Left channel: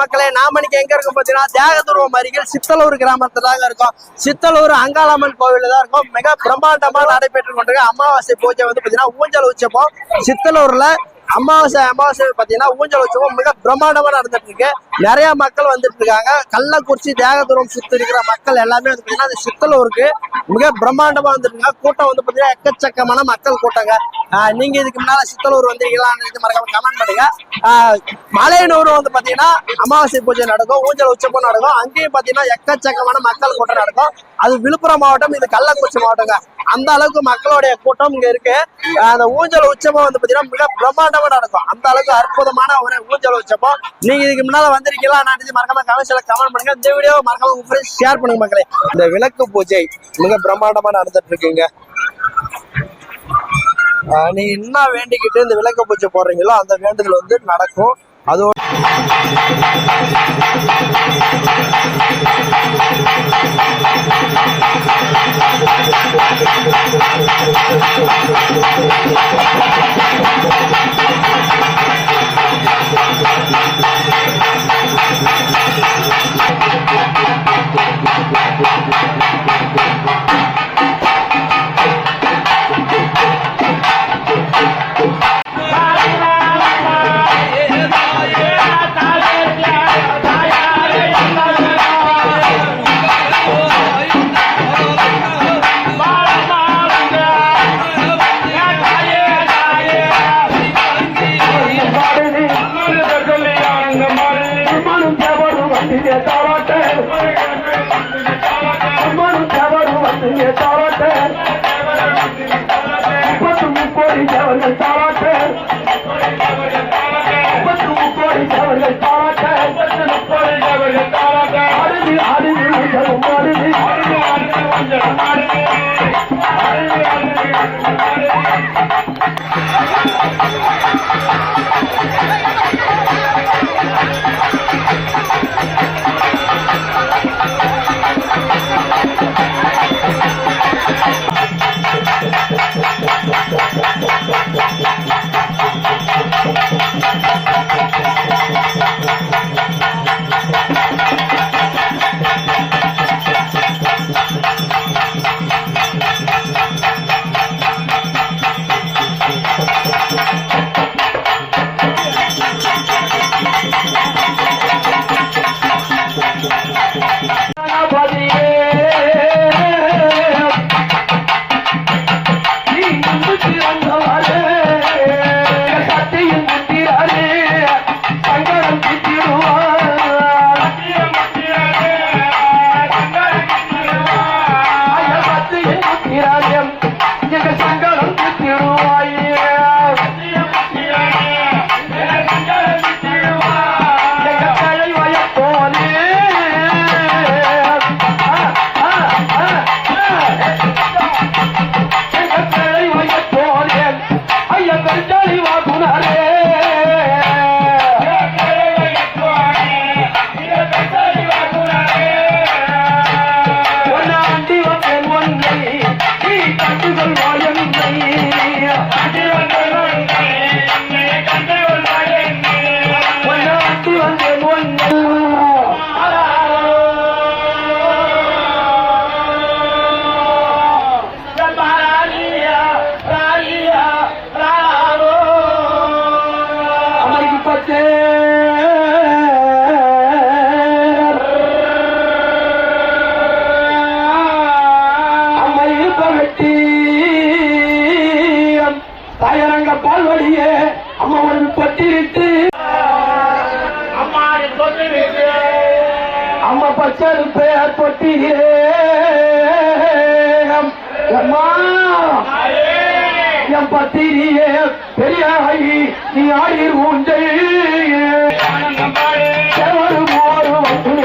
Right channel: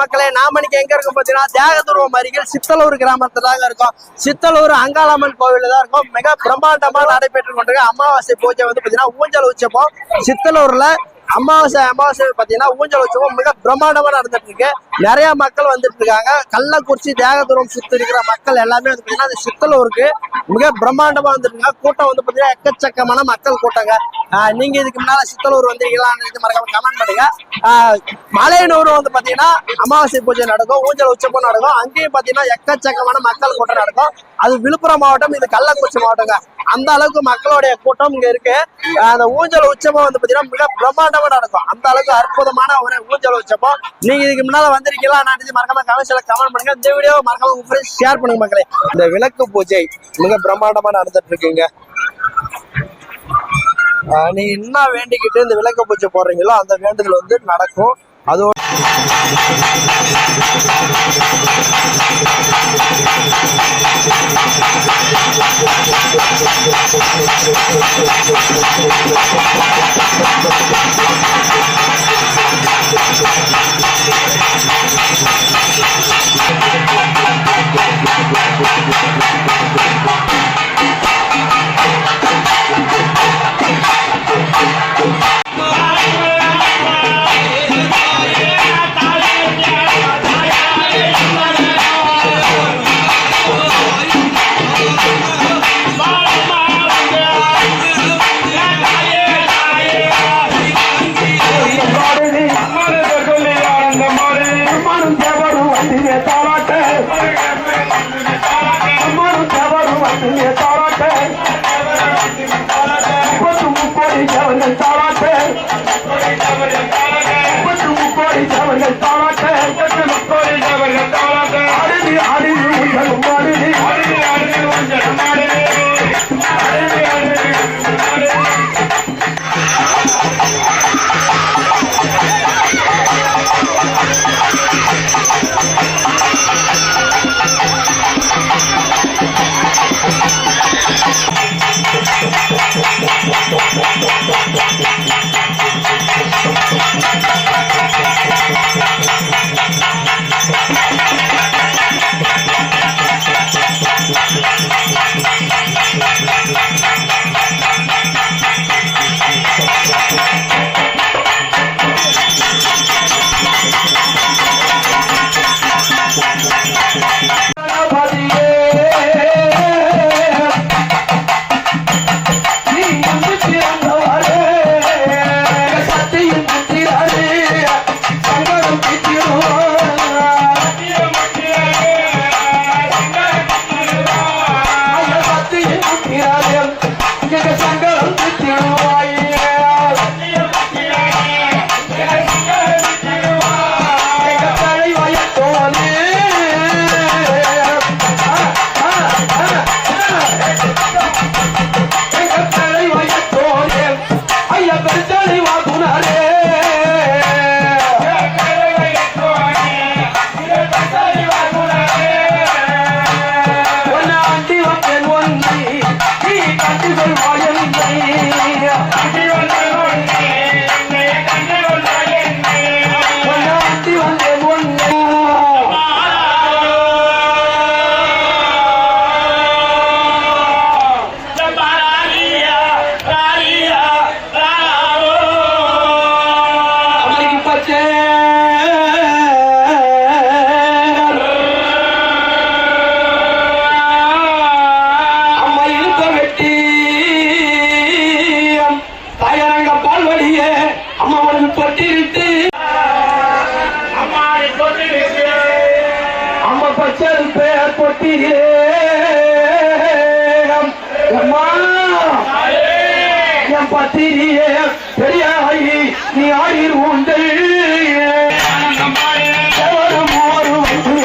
மக்களே நாம இன்னைக்கு எங்க இருக்கோம் பாத்தீங்கன்னா தியாகதுருவம் அருகில் சித்தலூர் கிராமத்துல தாங்க இருக்கோம். சித்தலூர் அங்காளம்மன் கோவில் தான் இருக்கும். மிக பிரம்மாண்டமா நடைபெற்று கொண்டிருக்க அமாவாசை பூஜை வந்து பாத்தீங்கன்னா ஊஞ்சல் உச்சப்போம் சித்தலூர்ல அமாவாசை அமாவாசை பார்த்தீங்கன்னா ஊஞ்சல் உற்சவம் மிக பிரம்மாண்டமாக நடந்துட்டு இருக்கு. நிறைய மக்கள் வந்துட்டு இருக்காங்க. கள்ளக்குறிச்சி தேகதூரம் சுற்றி இருக்கிற மக்கள் எல்லாமே வந்து பார்த்தீங்கன்னா அந்த சித்தலூருக்கு மிக பிரம்மாண்டமாக வந்துட்டு இருக்காங்க. கூட்டம் வந்து பார்த்தீங்கன்னா எக்கச்சக்கமான மக்கள் கூட்டங்க. நீங்க இதுக்கு முன்னால சித்தலூர் வந்திருக்கீங்களான்னு இது மறக்காம கமெண்ட் பண்ணுங்க. மலையனூர் வந்து பாத்தீங்கன்னா அமாவாசை பூஜை நடக்கும் ஊஞ்சல் உற்சவம் நடக்கும். அங்கேயும் பாத்தீங்கன்னா எக்கச்சக்கமான மக்கள் கூட்டம் நடக்கும். அது விழுப்புரம் மாவட்டம் இது கள்ளக்குறிச்சி மாவட்டங்க. அந்த அளவுக்கு மக்களுடைய கூட்டம் இங்க இருக்கு. அந்த ஊஞ்சல் உற்சவம் வந்து பாத்தீங்கன்னா மிக பிரம்மாண்டமா நடக்கும். அந்த அளவுக்கு அற்புதமான ஒரு ஊஞ்சல் உற்சவம். நீங்க இதுக்கு முன்னால வந்திருக்கீங்களா? நான் இது மறக்காம கமெண்ட்ஸ்ல கமெண்ட் பண்ணுங்க. இந்த வீடியோ மறக்காம உங்க ஷேர் பண்ணுங்க மக்களே. இந்த விளக்கு பூஜை மிக பிரம்மாண்டமா நடந்துட்டு இருக்குங்க ஆஹ் என்ன வேண்டிக்கிட்டு இந்த விளக்கு பூஜை போடுறீங்களோ அந்த வேண்டுதல் வந்து நடக்கும். அதோட అమ్మను ఎవరు అందినే తారాటే అమ్మను ఎవరు అందినే తారాటే ఇప్పటి ముప్పటి ఎవరి తారాటే ఇప్పటి ముప్పటి ఎవరి తారాటే ఇప్పటి ముప్పటి ఎవరి తారాటే Thank you. ఈ రాజ్యం பச்சது பேர் பொட்டியே அம்மா பத்திரியே பெரியாயி நீ ஆயிர் உண்டு. செவரு மூவரு வந்து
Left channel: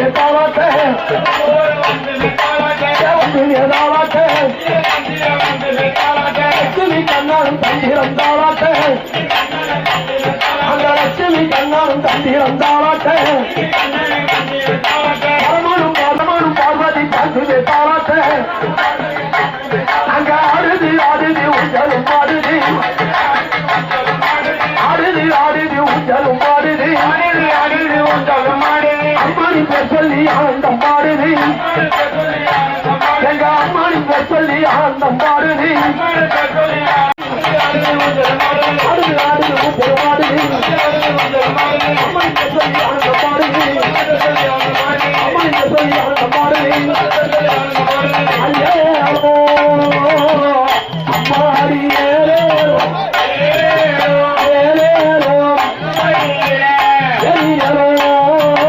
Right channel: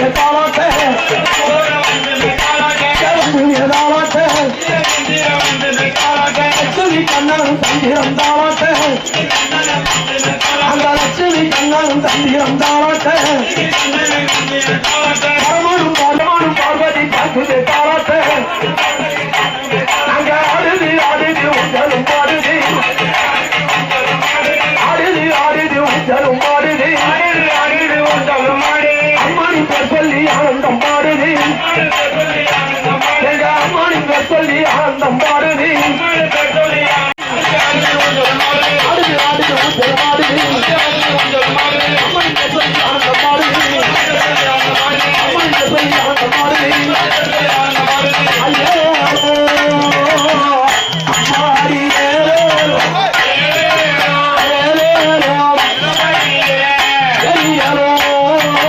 லட்சுமி கண்ணாரும் தந்திரம் தாளாட்ட அந்த லட்சுமி கண்ணாலும் தந்திரம் தாளாட்ட பரமனும் பார்வதி கல்குது தாளாட்ட சொல்லி ஆனந்தம் பாடுது எங்க அம்மனுக்கு சொல்லி ஆனந்தம் பாடுது